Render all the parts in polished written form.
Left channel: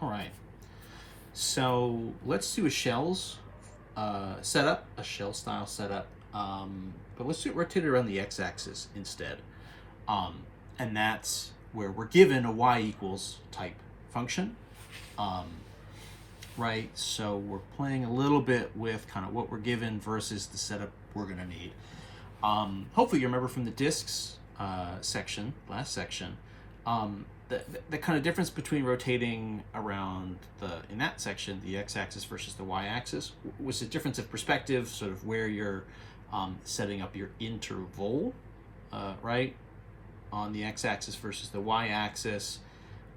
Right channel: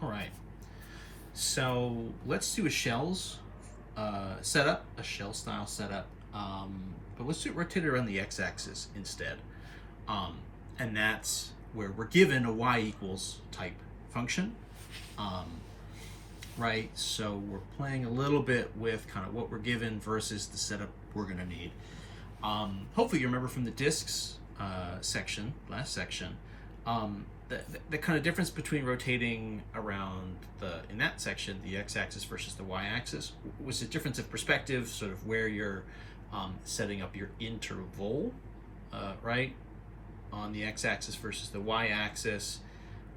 All right. So let's do a shells setup, a shell style setup. But let's do it rotated around the x-axis instead. Um, and that's where we're given a y equals type function. Um, right? So we're playing a little bit with kind of what we're given versus the setup we're going to need. Hopefully you remember from the disks section, last section, the kind of difference between rotating around in that section, the x-axis versus the y-axis, was a difference of perspective, sort of where you're setting up your interval, right, on the x-axis versus the y-axis,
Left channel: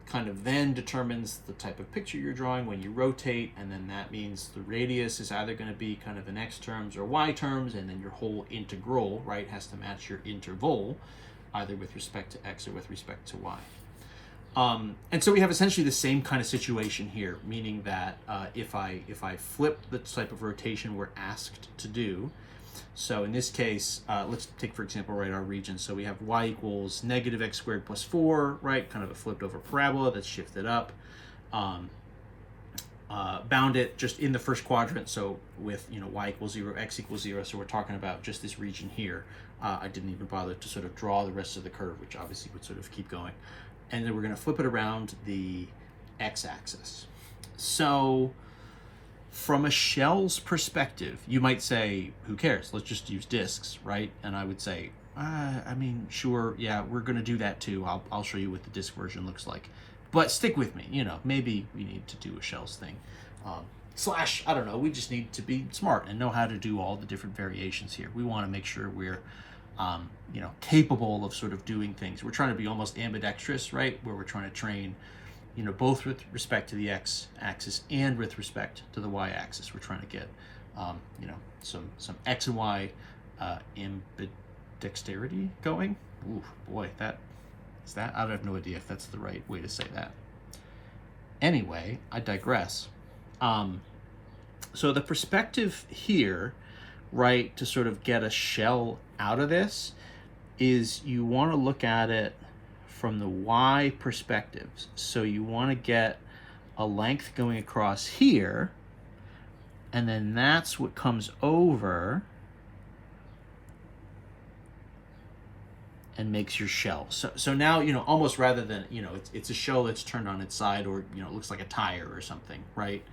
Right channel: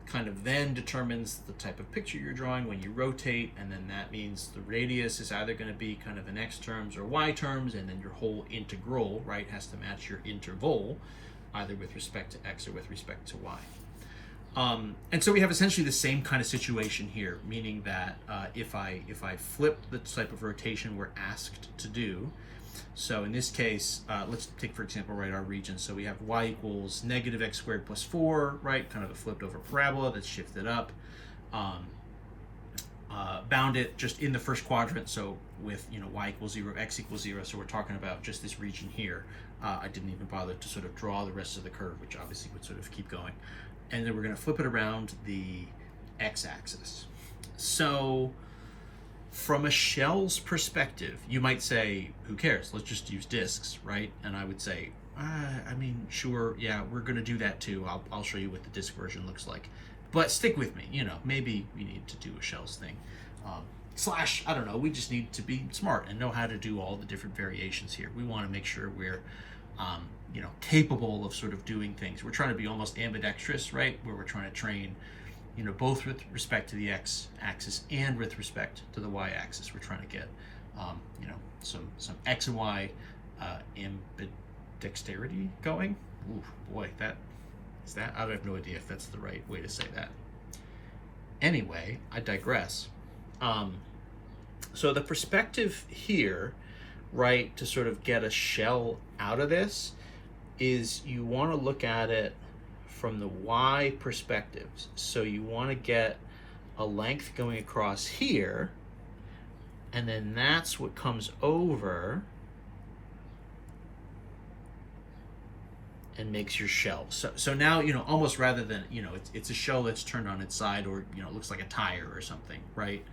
kind of then determines the type of picture you're drawing when you rotate, and then that means the radius is either going to be kind of in x terms or y terms, and then your whole integral, right, has to match your interval, either with respect to x or with respect to y. And so we have essentially the same kind of situation here, meaning that if I flip the type of rotation we're asked to do, so in this case, let's take, for example, right, our region. So we have y equals negative x squared plus 4, right, kind of a flipped over parabola that's shifted up. Bound it just in the first quadrant, so with, y equals 0, x equals 0, so we're talking about just this region here. I didn't even bother to sort of draw the rest of the curve, which obviously would sort of keep going. And then we're going to flip it around the x-axis. So from a shell's perspective, you might say, who cares? Let's just use disks, right? And I would say, I mean, sure, yeah, we're going to do that too. I'll show you what the disk version looks like. But stick with me, maybe we need to do a shells thing. Slash, I don't know, we just need to be smart and know how to do all the different variations here. We want to make sure we're capable of sort of doing things. We're trying to be almost ambidextrous, right? Where we're trying to train, both with respect to the x-axis and with respect to the y-axis. We're trying to get, some x and y ambidexterity going. Ooh, boy, I have no idea if that's the right way to say that. Anyway, I digress. So the perspective here, right, to sort of get a shell out of this is you want to look at it from the y perspectives. So you want to get a length going across here, and then that's what comes over and makes your shell. So now, almost rather than, it's a shell that's turned on its side, or, it looks like a tire or something, right?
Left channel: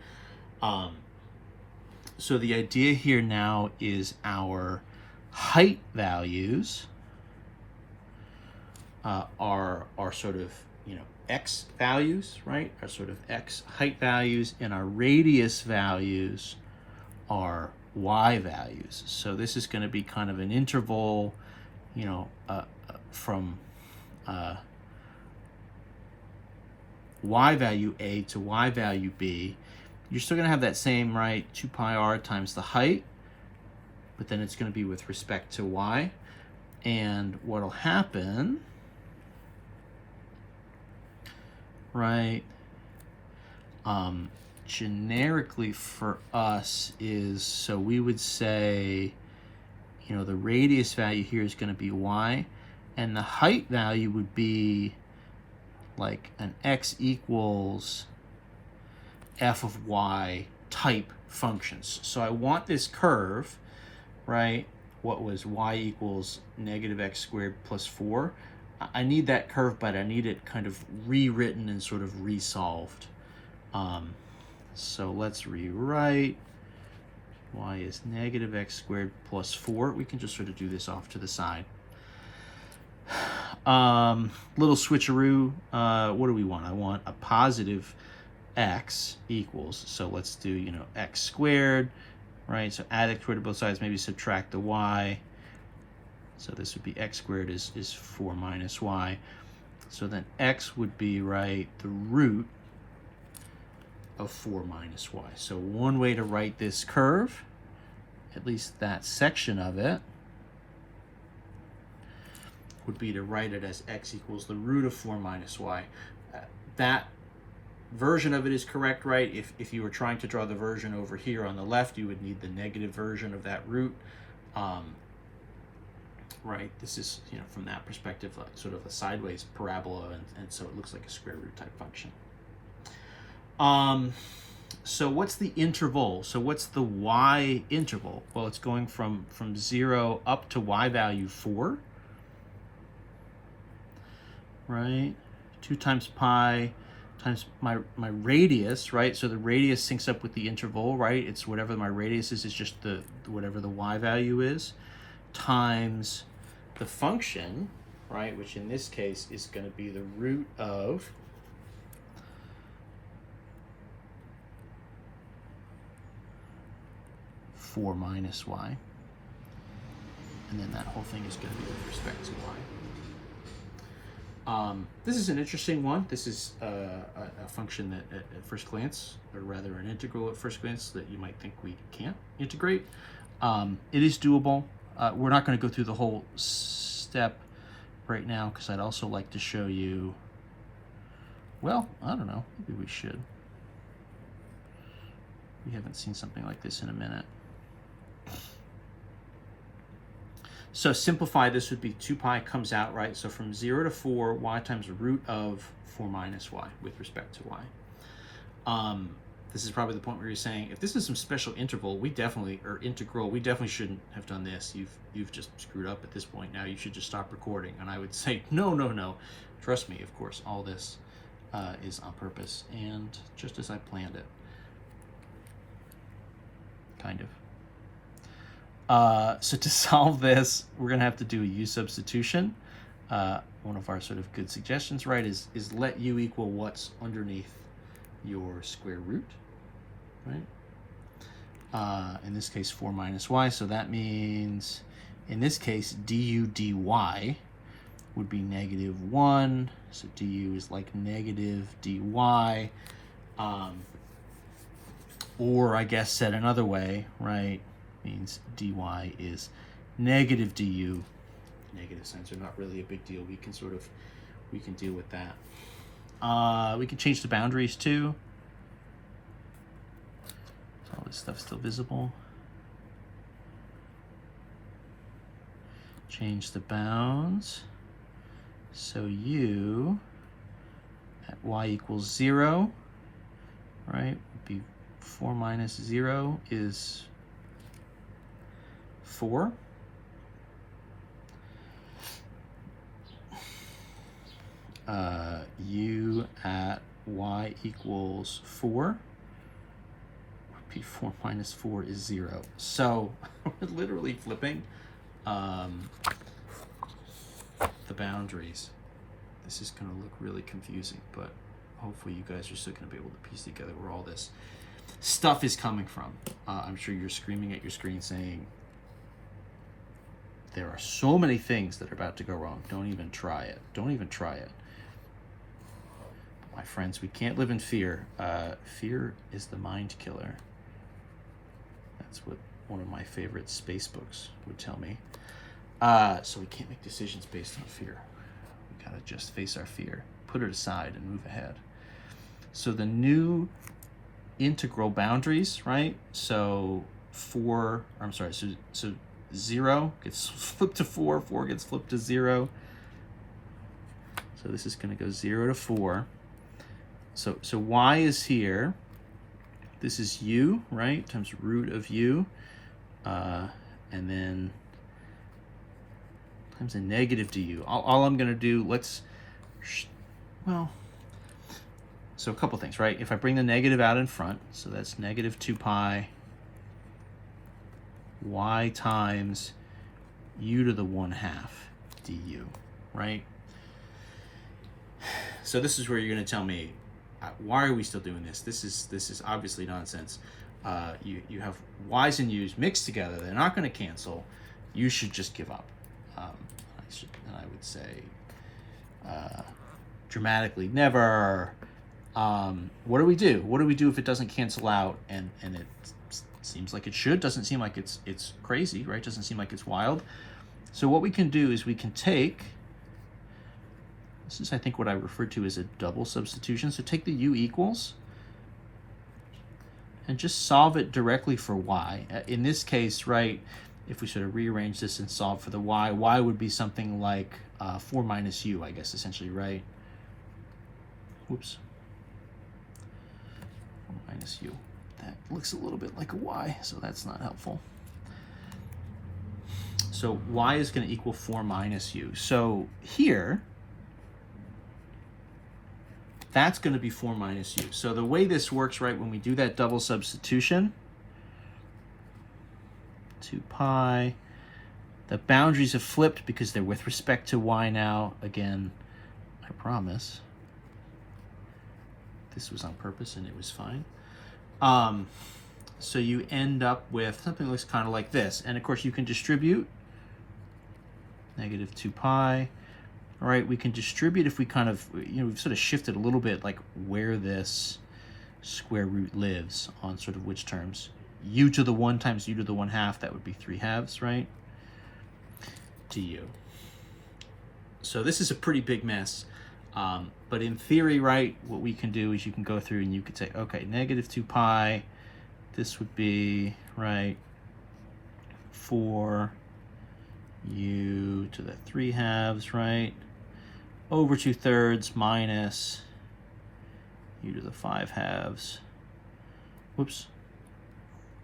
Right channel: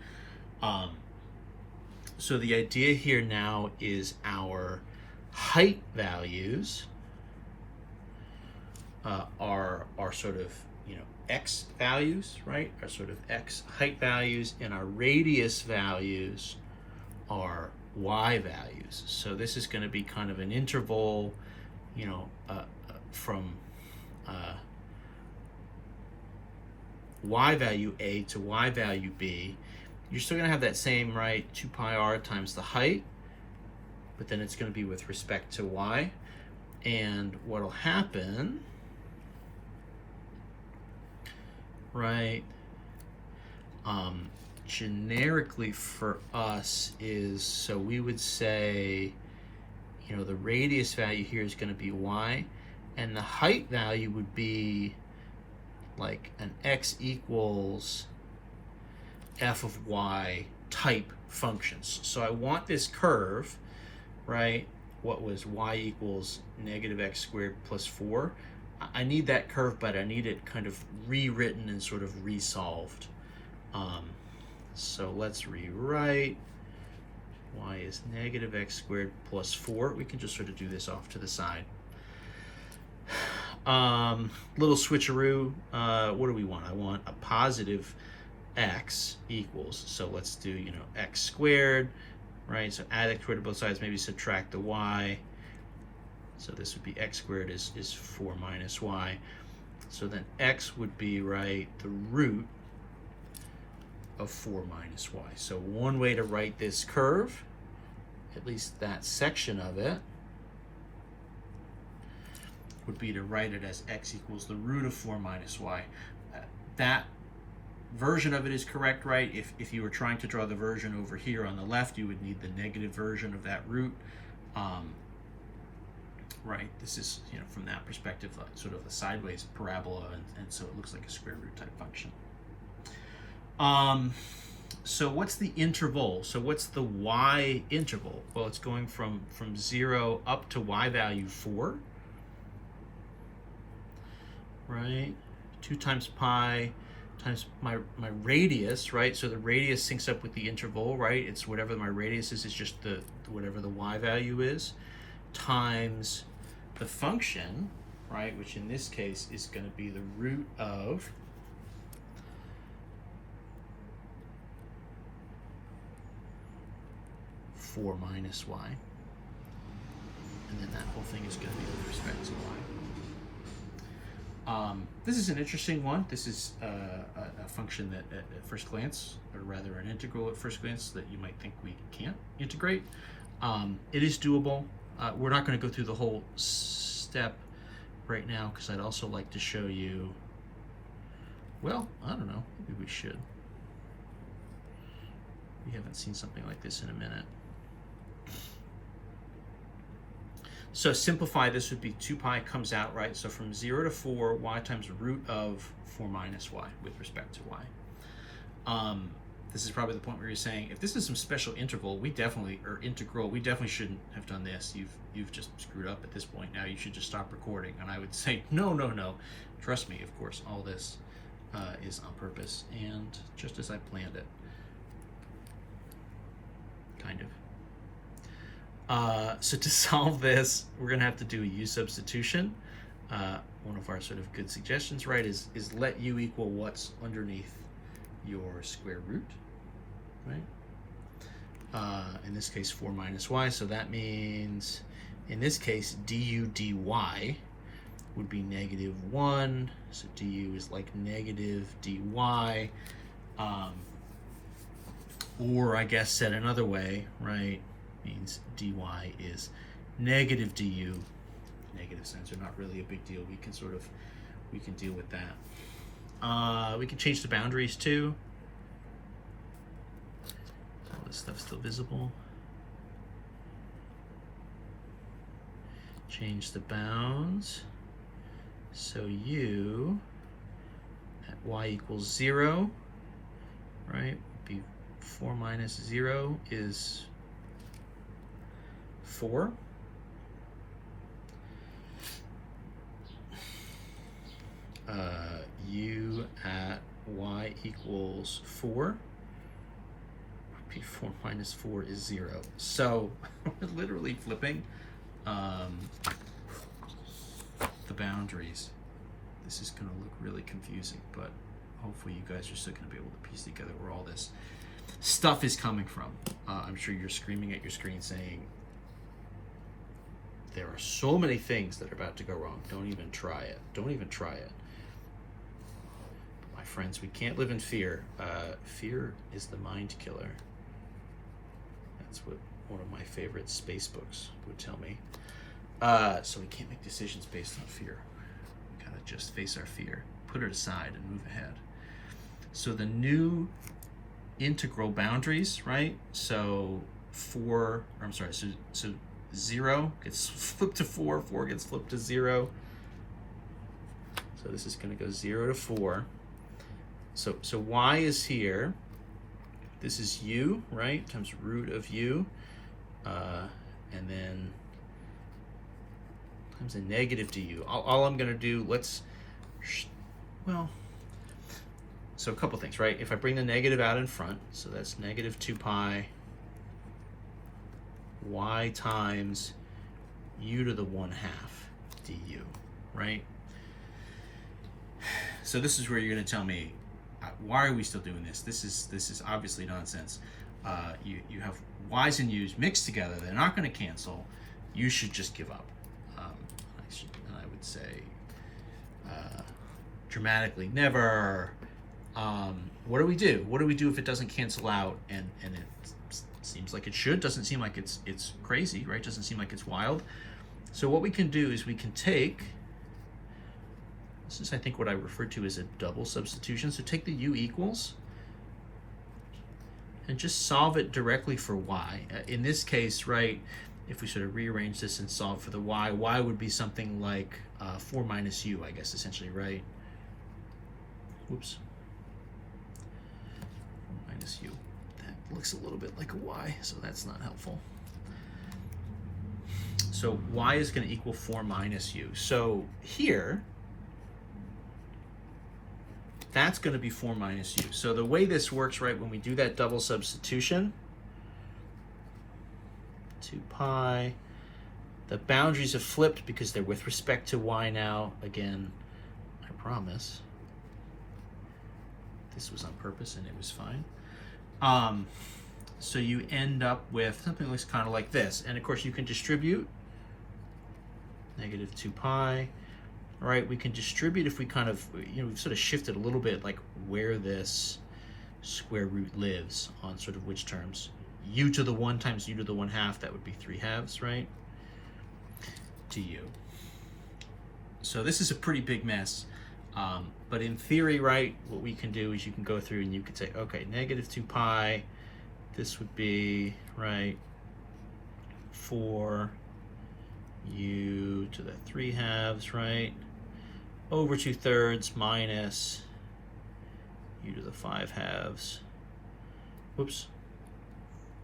So the idea here now is our height values are sort of, x values, right? Are sort of x height values, and our radius values are y values. So this is going to be kind of an interval, from y value a to y value b. You're still going to have that same, right, 2 pi r times the height, but then it's going to be with respect to y. And what'll happen, right, generically for us is, so we would say, the radius value here is going to be y, and the height value would be like an x equals f of y type functions. So I want this curve, right, what was y equals negative x squared plus 4. I need that curve, but I need it kind of rewritten and sort of resolved. So let's rewrite y is negative x squared plus 4. We can just sort of do this off to the side. Little switcheroo. What do we want? I want a positive x equals, so let's do, x squared, right? So add x squared to both sides, maybe subtract the y. So this would be x squared is 4 minus y. So then x would be, right, the root of 4 minus y. So one way to write this curve, at least that section of it, would be to write it as x equals the root of 4 minus y. That version of it is correct, right? If you were trying to draw the version over here on the left, you would need the negative version of that root. Right, this is, from that perspective, like sort of a sideways parabola, and so it looks like a square root type function. So what's the interval? So what's the y interval? Well, it's going from 0 up to y value 4, right? 2 times pi times my radius, right? So the radius syncs up with the interval, right? It's whatever my radius is just the whatever the y value is, times the function, right? Which in this case is going to be the root of 4 minus y. And then that whole thing is going to be with respect to y. This is an interesting one. This is a function that at first glance, or rather an integral at first glance, that you might think we can't integrate. It is doable. We're not going to go through the whole step right now because I'd also like to show you, well, I don't know, maybe we should. We haven't seen something like this in a minute. So simplify, this would be 2 pi comes out, right? So from 0 to 4, y times root of 4 minus y with respect to y. This is probably the point where you're saying, if this is some special interval, we definitely, or integral, we definitely shouldn't have done this. You've just screwed up at this point. Now you should just stop recording. And I would say, no. Trust me, of course, all this is on purpose and just as I planned it. Kind of. So to solve this, we're going to have to do a u substitution. One of our sort of good suggestions, right, is let u equal what's underneath your square root, right? In this case, 4 minus y, so that means, in this case, du dy would be -1, so du is like negative dy, or I guess said another way, right, means dy is negative du. Negative signs are not really a big deal. We can deal with that. We can change the boundaries too. All this stuff's still visible. Change the bounds. So u at y equals 0, right, would be 4 minus 0 is 4. U at y equals 4. 4 minus 4 is 0. So we're literally flipping the boundaries. This is going to look really confusing, but hopefully you guys are still going to be able to piece together where all this stuff is coming from. I'm sure you're screaming at your screen saying, there are so many things that are about to go wrong. Don't even try it. Don't even try it. My friends, we can't live in fear. Fear is the mind killer. That's what one of my favorite space books would tell me. So we can't make decisions based on fear. We gotta just face our fear, put it aside, and move ahead. So the new integral boundaries, right? So 0 gets flipped to 4, 4 gets flipped to 0. So this is going to go 0 to 4. So y is here. This is u, right, times root of u. And then times a negative du. All I'm going to do, so a couple things, right? If I bring the negative out in front, so that's negative 2 pi y times u to the 1/2 du, right? So this is where you're going to tell me, why are we still doing this? This is obviously nonsense. You have y's and u's mixed together. They're not going to cancel. You should just give up. I would say dramatically never. What do we do? What do we do if it doesn't cancel out and it seems like it should? Doesn't seem like it's crazy, right? Doesn't seem like it's wild. So what we can do is we can take, this is I think what I refer to as a double substitution. So take the u equals and just solve it directly for y. In this case, right, if we sort of rearrange this and solve for the y would be something like 4 minus u, I guess, essentially, right? Oops. minus u. That looks a little bit like a y, so that's not helpful. So y is going to equal 4 minus u. So here, that's going to be 4 minus u. So the way this works, right, when we do that double substitution, 2 pi, the boundaries have flipped because they're with respect to y now. Again, I promise. This was on purpose and it was fine. So you end up with something that looks kind of like this. And of course you can distribute negative 2 pi. All right, we can distribute if we kind of, we've sort of shifted a little bit like where this square root lives on sort of which terms. U to the 1 times u to the 1/2, that would be 3/2, right? Du. So this is a pretty big mess. But in theory, right, what we can do is you can go through and you could say, okay, negative 2 pi, this would be, right, 4 u to the 3/2, right, over 2/3 minus u to the 5/2, whoops,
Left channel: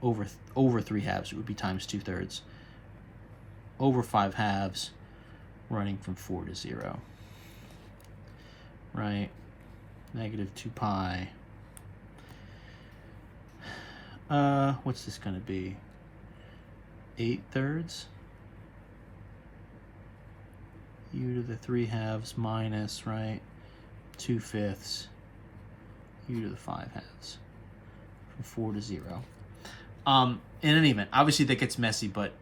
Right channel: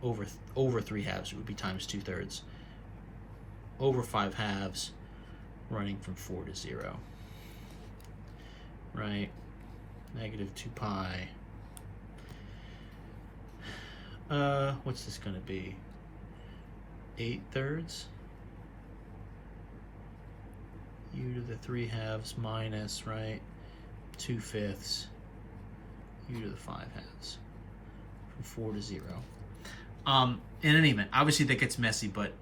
over 3/2, it would be times 2/3, over 5/2, running from 4 to 0. Right, negative 2 pi. What's this going to be? 8/3 u to the 3/2 minus, right, 2/5 u to the 5/2 from 4 to 0. In any event, obviously that gets messy, but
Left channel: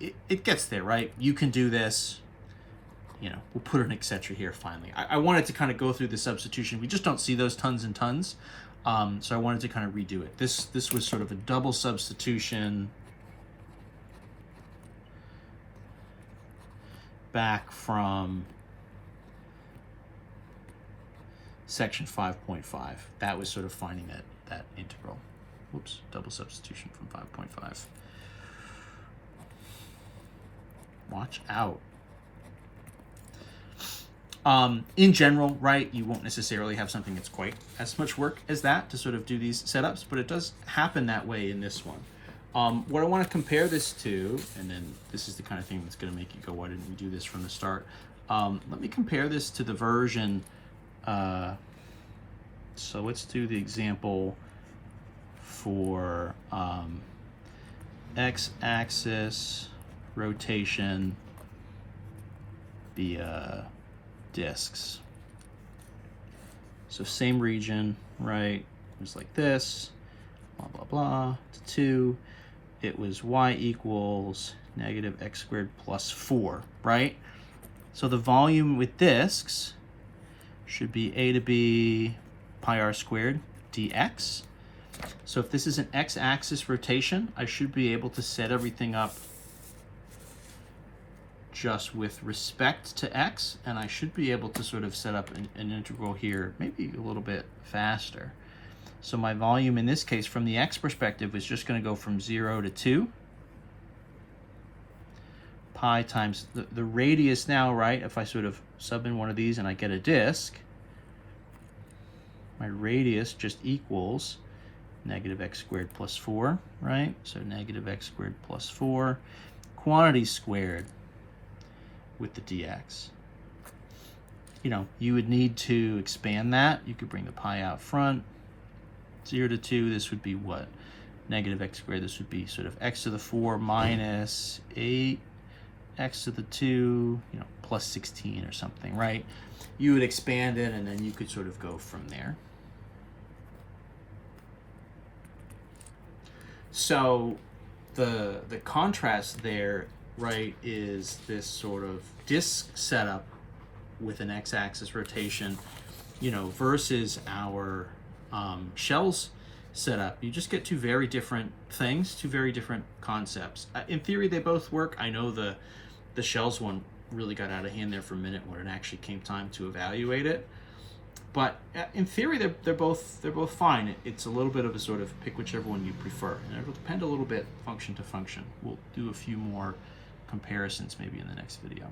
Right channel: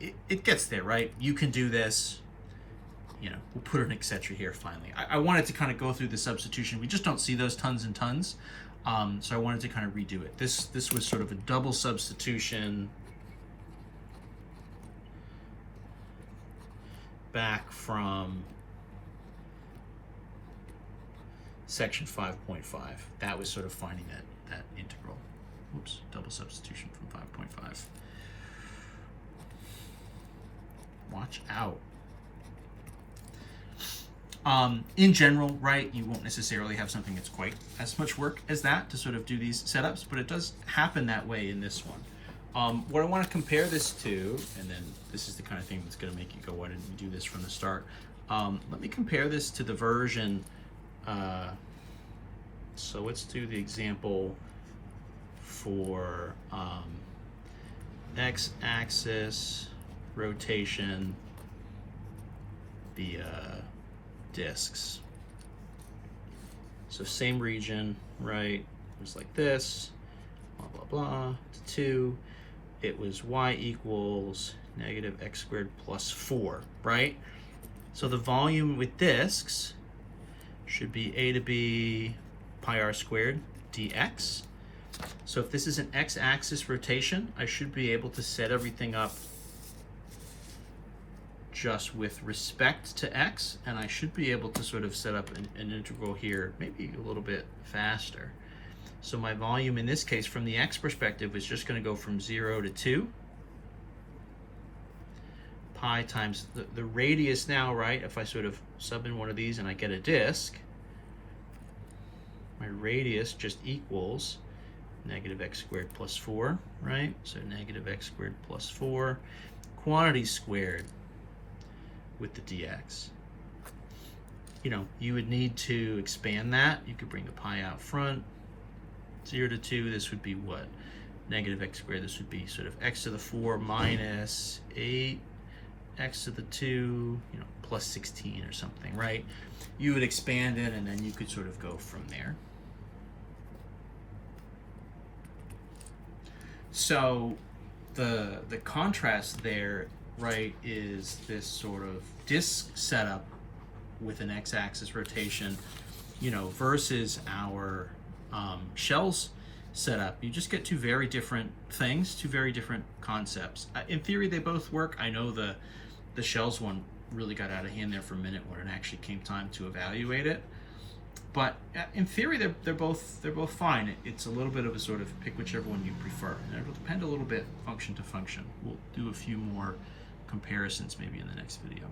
it gets there, right? You can do this. We'll put an etc here finally. I wanted to kind of go through the substitution. We just don't see those tons and tons. So I wanted to kind of redo it. This was sort of a double substitution back from section 5.5. That was sort of finding that integral. Whoops, double substitution from 5.5. Watch out. In general, right, you won't necessarily have something that's quite as much work as that to sort of do these setups, but it does happen that way in this one. What I want to compare this to, and then this is the kind of thing that's going to make you go, why didn't we do this from the start? Let me compare this to the version. So let's do the example for x-axis rotation via disks. So same region, right? It was like this, blah, blah, blah, to 2. It was y equals negative x squared plus 4, right? So the volume with disks should be a to b pi r squared dx. So if this is an x-axis rotation, I should be able to set everything up just with respect to x, and I should be able to sort of set up an integral here, maybe a little bit faster. So my volume in this case from the x perspective is just going to go from 0 to 2. Pi times the radius now, right, if I sort of sub in one of these and I get a disk, my radius just equals negative x squared plus 4, right? So negative x squared plus 4, quantity squared with the dx. You would need to expand that. You could bring the pi out front. 0 to 2, this would be what? Negative x squared, this would be sort of x to the 4 minus 8, x to the 2, plus 16 or something, right? You would expand it and then you could sort of go from there. So the contrast there, right, is this sort of disk setup with an x-axis rotation, versus our shells setup. You just get two very different things, two very different concepts. In theory, they both work. I know the shells one really got out of hand there for a minute when it actually came time to evaluate it. But in theory, they're both fine. It's a little bit of a sort of pick whichever one you prefer, and it will depend a little bit function to function. We'll do a few more comparisons maybe in the next video.